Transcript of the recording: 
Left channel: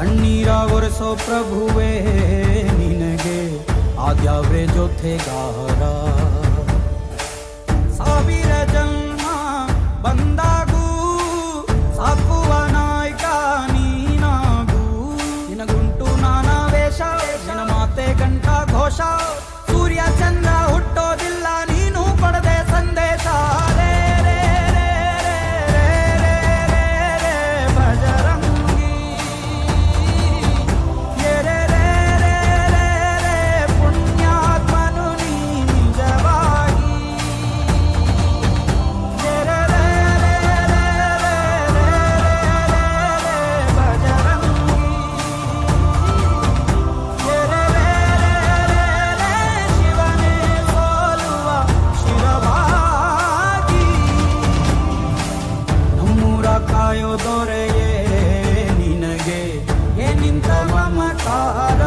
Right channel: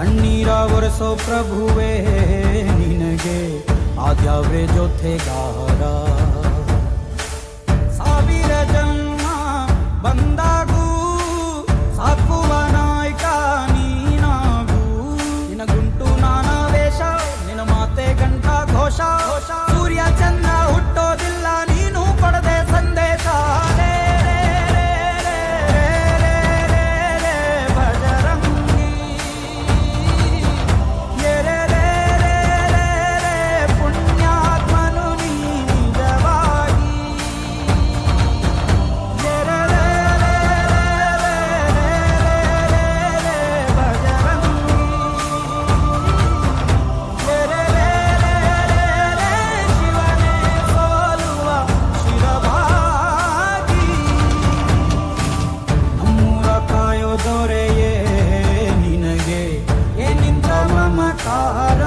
ಕಣ್ಣೀರ ಒರೆಸೋ ಪ್ರಭುವೇ ನಿನಗೆ ಆದ್ಯಾವ್ರೆ ಜೊತೆಗಾರ ಸಾವಿರ ಜನ್ಮ ಬಂದಾಗೂ ಸಾಕುವ ನಾಯಕ ನೀನಾಗೂ ನಿನ ಗುಂಟು ನಾನಾ ವೇಷ ನಿನ ಮಾತೆ ಗಂಟ ಘೋಷ ಸೂರ್ಯ ಚಂದ್ರ ದೊರೆಯೇ ನಿನಗೆ. ಏನಿಂತ ಮಮಕಾರ